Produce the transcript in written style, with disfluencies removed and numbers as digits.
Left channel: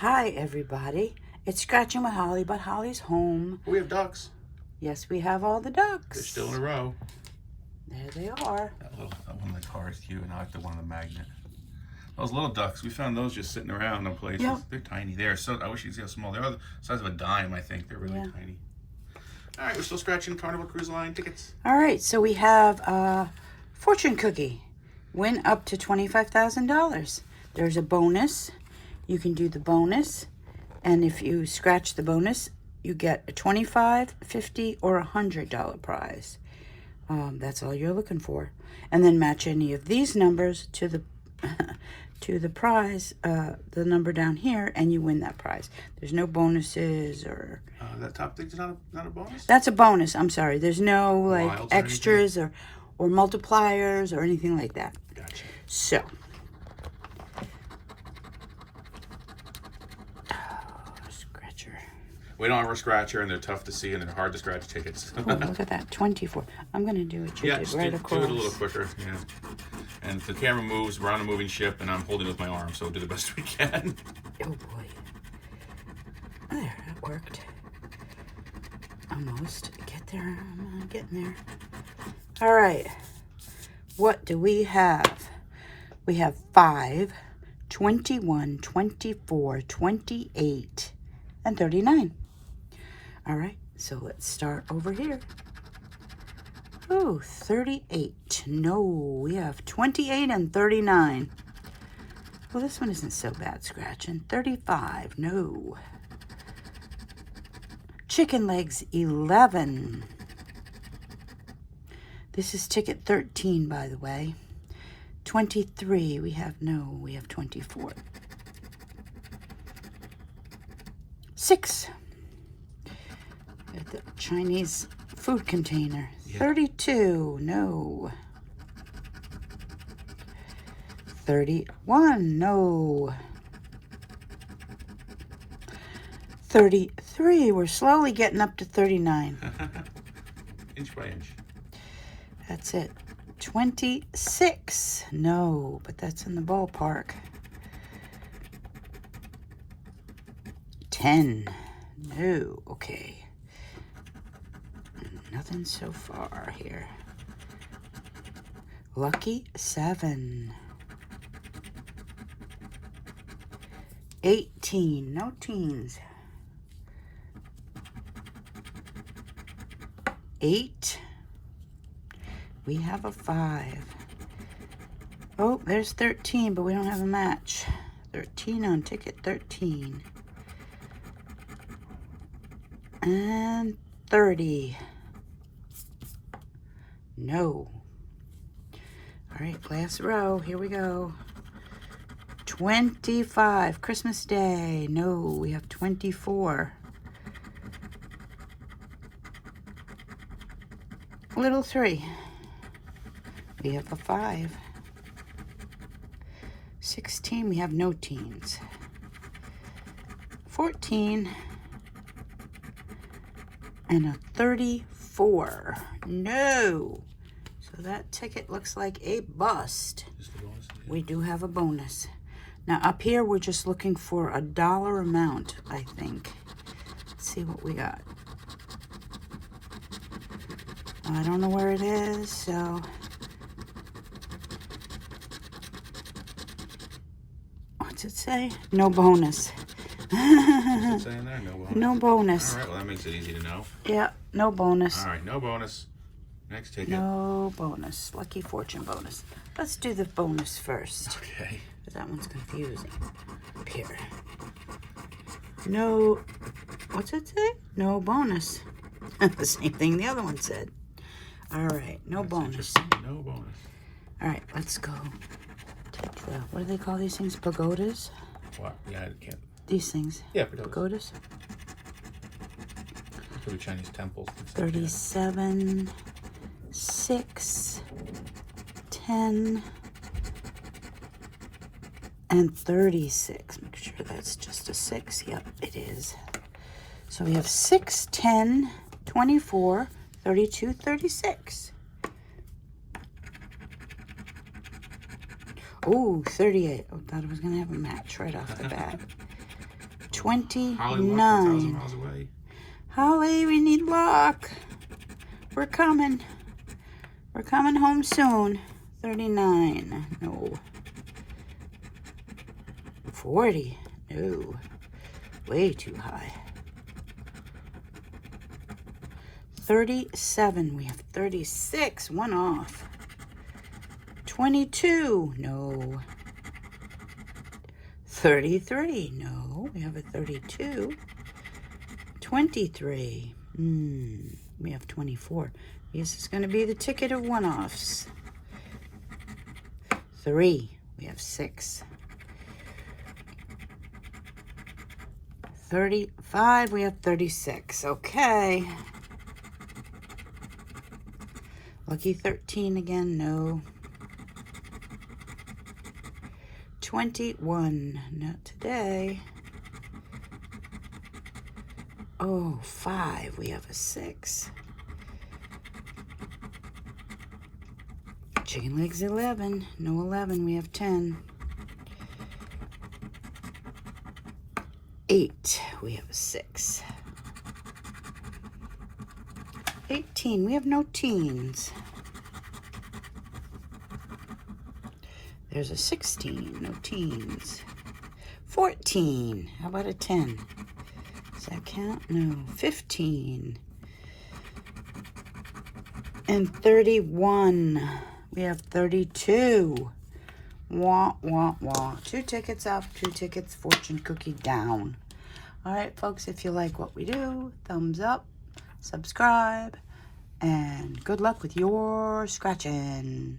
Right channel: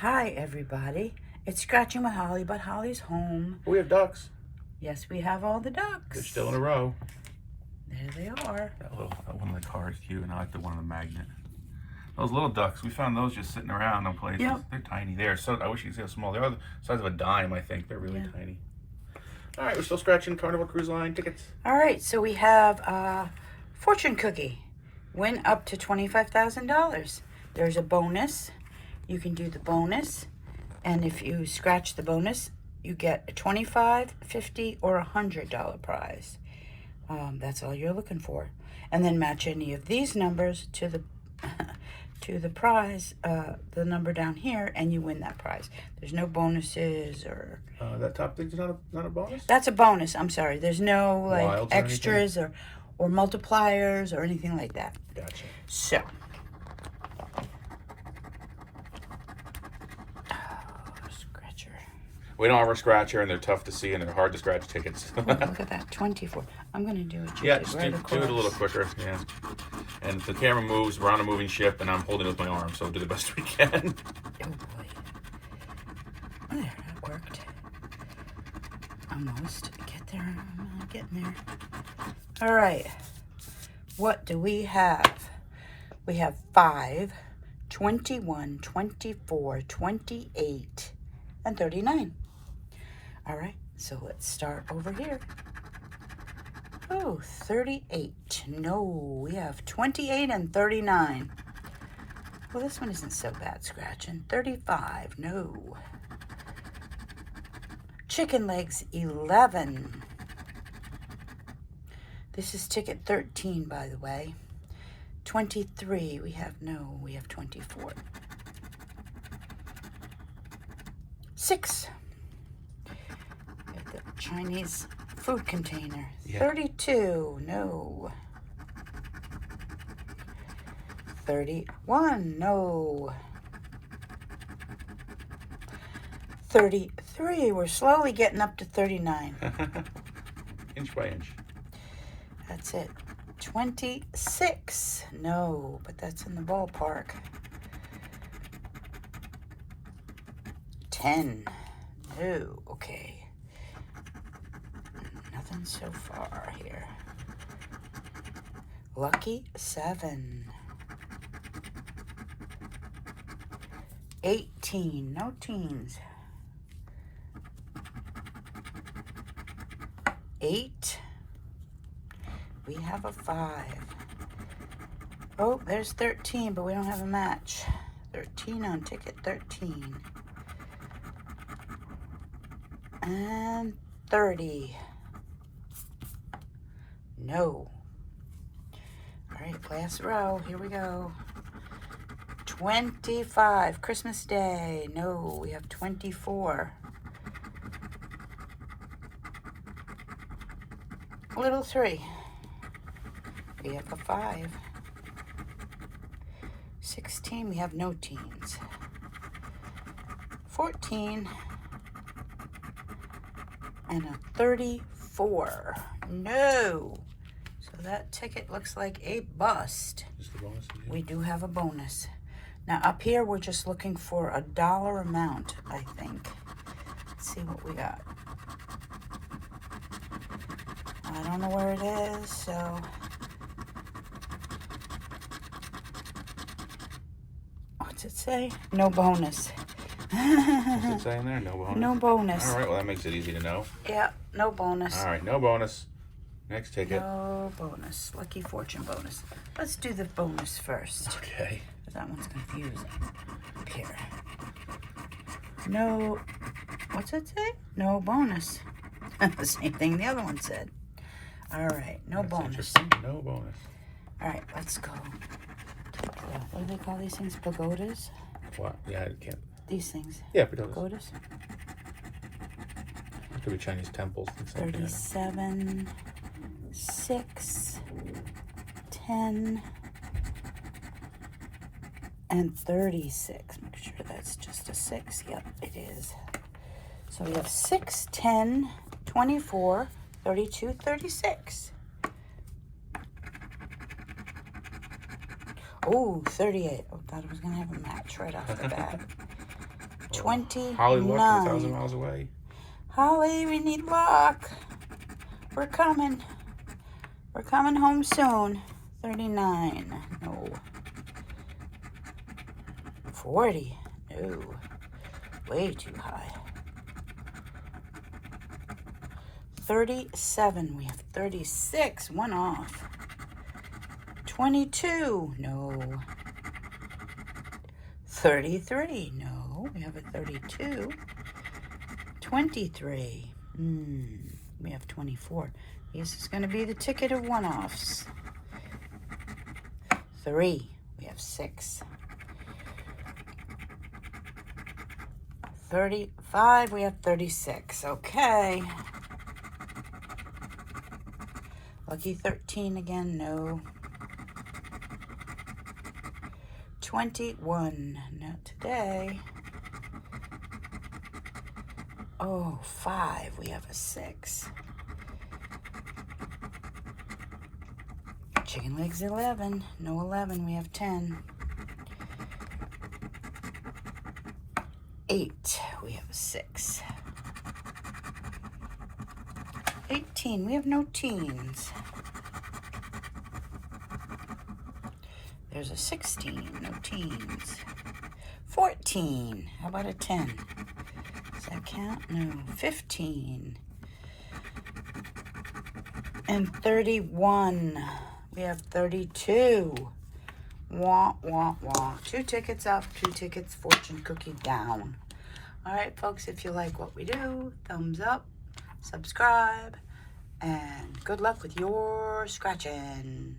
Hi, everybody. It's Scratching with Holly, but Holly's home. We have ducks. Yes, we have all the ducks. They're still in a row. There they are. That one of the cards cute, and I like the one on the magnet. Those little ducks, we found those just sitting around in places. Yep. They're tiny. I wish you could see how small they are. The size of a dime, I think. They're really tiny. All right, we're still scratching Carnival Cruise Line tickets. All right, so we have fortune cookie. Win up to $25,000. There's a bonus. You can do the bonus, and if you scratch the bonus, you get a $25, $50, or $100 prize. That's all you're looking for, and then match any of these numbers to the to the prize, the number down here, and you win that prize. There's no bonuses or that top thing's not a bonus. That's a bonus. I'm sorry. There's no like extras or multipliers or anything like that. Gotcha. So. We don't have a scratcher, and they're tough to see, and they're hard to scratch tickets. Oh, look at that, 24. I'm going to do it. Yeah, just do it a little quicker. Yeah. And the camera moves. We're on a moving ship, and I'm holding it with my arm, so do the best we can. Oh, boy. There, that worked. Almost. Get there. I'm getting there. All right. What do we have? We have 5, 21, 24, 28, and 39. All right, so let's start over here. Ooh, 38. No, we have 28 and 39. Well, this one isn't so bad scratching. 35, no. Chicken legs, 11. This is ticket 13, by the way. 23, we have 24. 6. The Chinese food container. Yeah. 32, no. 31, no. 33, we're slowly getting up to 39. Inch by inch. That's it. 26, no, but that's in the ballpark. 10, no, okay. Nothing so far here. Lucky 7. 18, no teens. 8. We have a 5. Oh, there's 13, but we don't have a match. 13 on ticket 13. And 30. No. All right, last row. Here we go. 25. Christmas Day. No, we have 24. Little 3. We have a 5. 16. We have no teens. 14. And a 34. No. So that ticket looks like a bust. Just a bonus? Yeah. We do have a bonus. Now up here we're just looking for a dollar amount, I think. Let's see what we got. I don't know where it is, so what's it say? No bonus. What's it saying there? No bonus? No bonus. All right, well, that makes it easy to know. Yeah, no bonus. All right, no bonus. Next ticket. No bonus. Lucky fortune bonus. Let's do the bonus first. Okay. That one's confusing. Up here. No, what's it say? No bonus. The same thing the other one said. All right, no bonus. No bonus. All right, let's go. What do they call these things? Pagodas? What? Yeah, I can't. These things. Yeah, pagodas. For the Chinese temples. 37, 6, 10, and 36. Make sure that's just a 6. Yep, it is. So we have 6, 10, 24, 32, 36. Oh, 38. Oh, thought I was going to have a match right off the bat. 29. Holly luck 1,000 miles away. Holly, we need luck. We're coming. We're coming home soon. 39. No. 40. No. Way too high. 37. We have 36. One off. 22. No. 33. No. We have a 32. 23. We have 24. This is going to be the ticket of one-offs. 3. We have 6. 35. We have 36. Okay. Lucky 13 again. No. 21. Not today. Oh, 5. We have a 6. Chicken legs 11. No 11. We have 10. 8. We have a 6. 18. We have no teens. There's a 16. No teens. 14. How about a 10? Does that count? No. 15. And 31. We have 32. Wah, wah, wah. 2 tickets up, 2 tickets fortune cookie down. All right, folks, if you like what we do, thumbs up, subscribe, and good luck with your scratching.